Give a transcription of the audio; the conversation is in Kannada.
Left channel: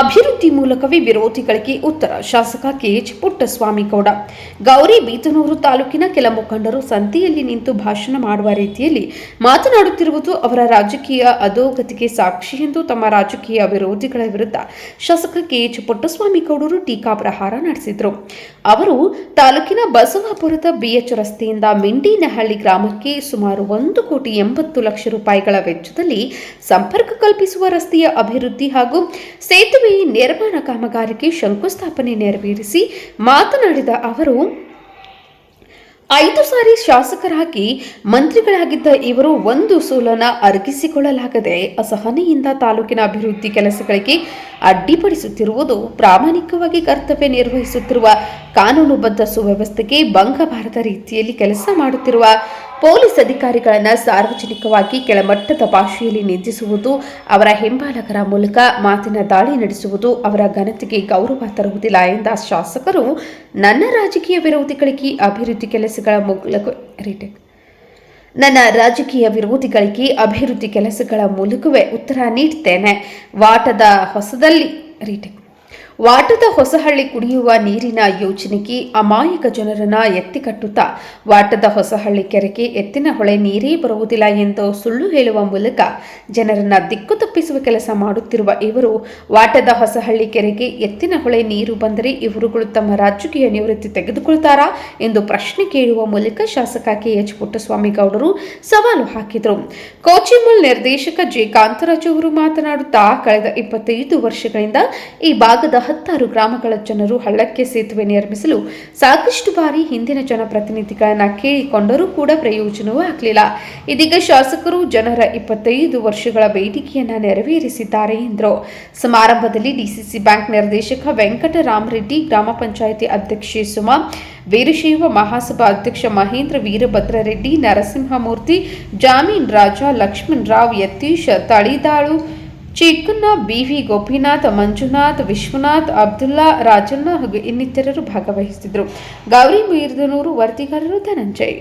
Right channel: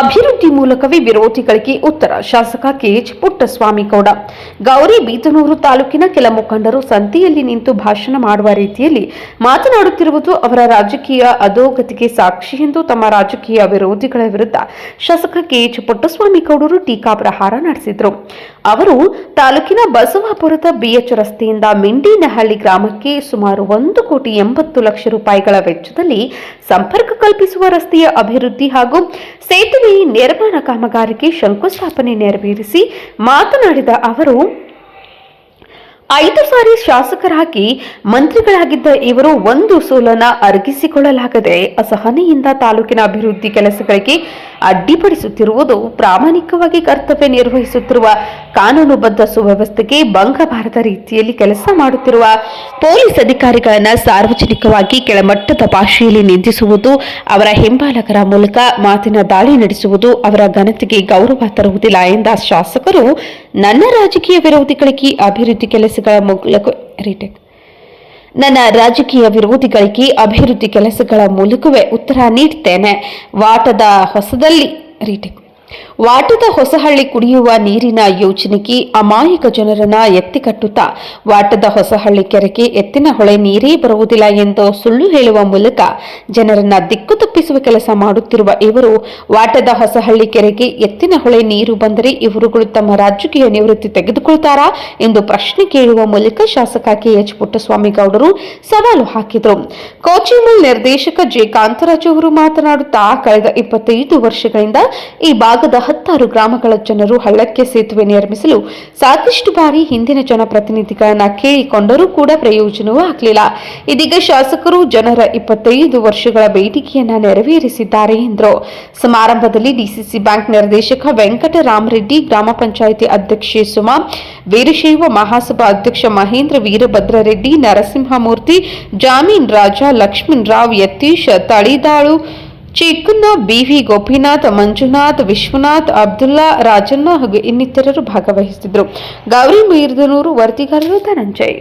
ಅಭಿವೃದ್ಧಿ ಮೂಲಕವೇ ವಿರೋಧಿಗಳಿಗೆ ಉತ್ತರ. ಶಾಸಕ ಕೆಎಚ್ ಪುಟ್ಟಸ್ವಾಮಿಗೌಡ. ಗೌರಿಬಿದನೂರು ತಾಲೂಕಿನ ಕೆಲ ಮುಖಂಡರು ಸಂತೆಯಲ್ಲಿ ನಿಂತು ಭಾಷಣ ಮಾಡುವ ರೀತಿಯಲ್ಲಿ ಮಾತನಾಡುತ್ತಿರುವುದು ಅವರ ರಾಜಕೀಯ ಅಧೋಗತಿಗೆ ಸಾಕ್ಷಿ ಎಂದು ತಮ್ಮ ರಾಜಕೀಯ ವಿರೋಧಿಗಳ ವಿರುದ್ಧ ಶಾಸಕ ಕೆಎಚ್ ಪುಟ್ಟಸ್ವಾಮಿಗೌಡರು ಟೀಕಾಪ್ರಹಾರ ನಡೆಸಿದರು. ಅವರು ತಾಲೂಕಿನ ಬಸವಾಪುರದ ಬಿಎಚ್ ರಸ್ತೆಯಿಂದ ಮಿಂಡಿನಹಳ್ಳಿ ಗ್ರಾಮಕ್ಕೆ ಸುಮಾರು 1,80,00,000 ರೂಪಾಯಿಗಳ ವೆಚ್ಚದಲ್ಲಿ ಸಂಪರ್ಕ ಕಲ್ಪಿಸುವ ರಸ್ತೆಯ ಅಭಿವೃದ್ಧಿ ಹಾಗೂ ಸೇತುವೆ ನಿರ್ಮಾಣ ಕಾಮಗಾರಿಗೆ ಶಂಕುಸ್ಥಾಪನೆ ನೆರವೇರಿಸಿ ಮಾತನಾಡಿದ ಅವರು, 5 ಸಾರಿ ಶಾಸಕರಾಗಿ ಮಂತ್ರಿಗಳಾಗಿದ್ದ ಇವರು ಒಂದು ಸೋಲನ ಅರಗಿಸಿಕೊಳ್ಳಲಾಗದೆ ಅಸಹನೆಯಿಂದ ತಾಲೂಕಿನ ಅಭಿವೃದ್ಧಿ ಕೆಲಸಗಳಿಗೆ ಅಡ್ಡಿಪಡಿಸುತ್ತಿರುವುದು, ಪ್ರಾಮಾಣಿಕವಾಗಿ ಕರ್ತವ್ಯ ನಿರ್ವಹಿಸುತ್ತಿರುವ ಕಾನೂನುಬದ್ಧ ಸುವ್ಯವಸ್ಥೆಗೆ ಭಂಗ ಬಾರದ ರೀತಿಯಲ್ಲಿ ಕೆಲಸ ಮಾಡುತ್ತಿರುವ ಪೊಲೀಸ್ ಅಧಿಕಾರಿಗಳನ್ನು ಸಾರ್ವಜನಿಕವಾಗಿ ಕೆಳಮಟ್ಟದ ಭಾಷೆಯಲ್ಲಿ ನಿಂದಿಸುವುದು, ಅವರ ಹಿಂಬಾಲಕರ ಮೂಲಕ ಮಾತಿನ ದಾಳಿ ನಡೆಸುವುದು ಅವರ ಘನತೆಗೆ ಗೌರವ ತರುವುದಿಲ್ಲ ಎಂದ ಶಾಸಕರು, ನನ್ನ ರಾಜಕೀಯ ವಿರೋಧಿಗಳಿಗೆ ಅಭಿವೃದ್ಧಿ ಕೆಲಸಗಳ ಮೂಲಕವೇ ಉತ್ತರ ನೀಡುತ್ತೇನೆ. ವಾಟದ ಹೊಸಹಳ್ಳಿ ಕುಡಿಯುವ ನೀರಿನ ಯೋಜನೆಗೆ ಅಮಾಯಕ ಜನರನ್ನ ಎತ್ತಿಕಟ್ಟುತ್ತಾ ವಾಟದ ಹೊಸಹಳ್ಳಿ ಕೆರೆಗೆ ಎತ್ತಿನ ಹೊಳೆ ನೀರೇ ಬರುವುದಿಲ್ಲ ಎಂದು ಸುಳ್ಳು ಹೇಳುವ ಮೂಲಕ ಜನರನ್ನ ದಿಕ್ಕು ತಪ್ಪಿಸುವ ಕೆಲಸ ಮಾಡುತ್ತಿರುವ ಇವರು, ವಾಟದ ಹೊಸಹಳ್ಳಿ ಕೆರೆಗೆ ಎತ್ತಿನ ಹೊಳೆ ನೀರು ಬಂದರೆ ಇವರುಗಳು ತಮ್ಮ ರಾಜಕೀಯ ನಿವೃತ್ತಿ ತೆಗೆದುಕೊಳ್ತಾರಾ ಎಂದು ಪ್ರಶ್ನೆ ಕೇಳುವ ಮೂಲಕ ಶಾಸಕ ಕೆಎಚ್ ಪುಟ್ಟಸ್ವಾಮಿಗೌಡರು ಸವಾಲು ಹಾಕಿದರು. ಕೋಚಿಮುಲ್ ನಿರ್ದೇಶಕ ಜೆ ಕಾಂತರಾಜ್ ಅವರು ಮಾತನಾಡುತ್ತಾ, ಕಳೆದ 25 ವರ್ಷಗಳಿಂದ ಈ ಭಾಗದ 16 ಗ್ರಾಮಗಳ ಜನರು ಹಳ್ಳಕ್ಕೆ ಸೇತುವೆ ನಿರ್ಮಿಸಲು ಸಾಕಷ್ಟು ಬಾರಿ ಹಿಂದಿನ ಜನಪ್ರತಿನಿಧಿಗಳನ್ನ ಕೇಳಿಕೊಂಡರೂ ಕೂಡ ಪ್ರಯೋಜನವೂ ಆಗಲಿಲ್ಲ. ಇದೀಗ ಶಾಸಕರು ಜನರ 25 ವರ್ಷಗಳ ಬೇಡಿಕೆಯನ್ನ ನೆರವೇರಿಸಿದ್ದಾರೆ ಎಂದರು. ಸಮಾರಂಭದಲ್ಲಿ ಡಿಸಿಸಿ ಬ್ಯಾಂಕ್ ನಿರ್ದೇಶಕ ವೆಂಕಟರಾಮರೆಡ್ಡಿ, ಗ್ರಾಮ ಪಂಚಾಯಿತಿ ಅಧ್ಯಕ್ಷೆ ಸುಮಾ, ವೀರಶೈವ ಮಹಾಸಭಾ ಅಧ್ಯಕ್ಷ ಮಹೇಂದ್ರ ವೀರಭದ್ರರೆಡ್ಡಿ, ನರಸಿಂಹಮೂರ್ತಿ, ಜಾಮೀನ್ ರಾಜ, ಲಕ್ಷ್ಮಣ್ ರಾವ್, ಯತೀಶ್ ತಳಿದಾಳು, ಚಿಕ್ಕಣ್ಣ, ಬಿವಿ ಗೋಪಿನಾಥ್, ಮಂಜುನಾಥ್, ವಿಶ್ವನಾಥ್, ಅಬ್ದುಲ್ಲಾ, ರಾಜಣ್ಣ ಹಾಗೂ ಇನ್ನಿತರರು ಭಾಗವಹಿಸಿದ್ದರು. ಗೌರಿಬಿದನೂರು ವರದಿಗಾರರು ಧನಂಜಯ್.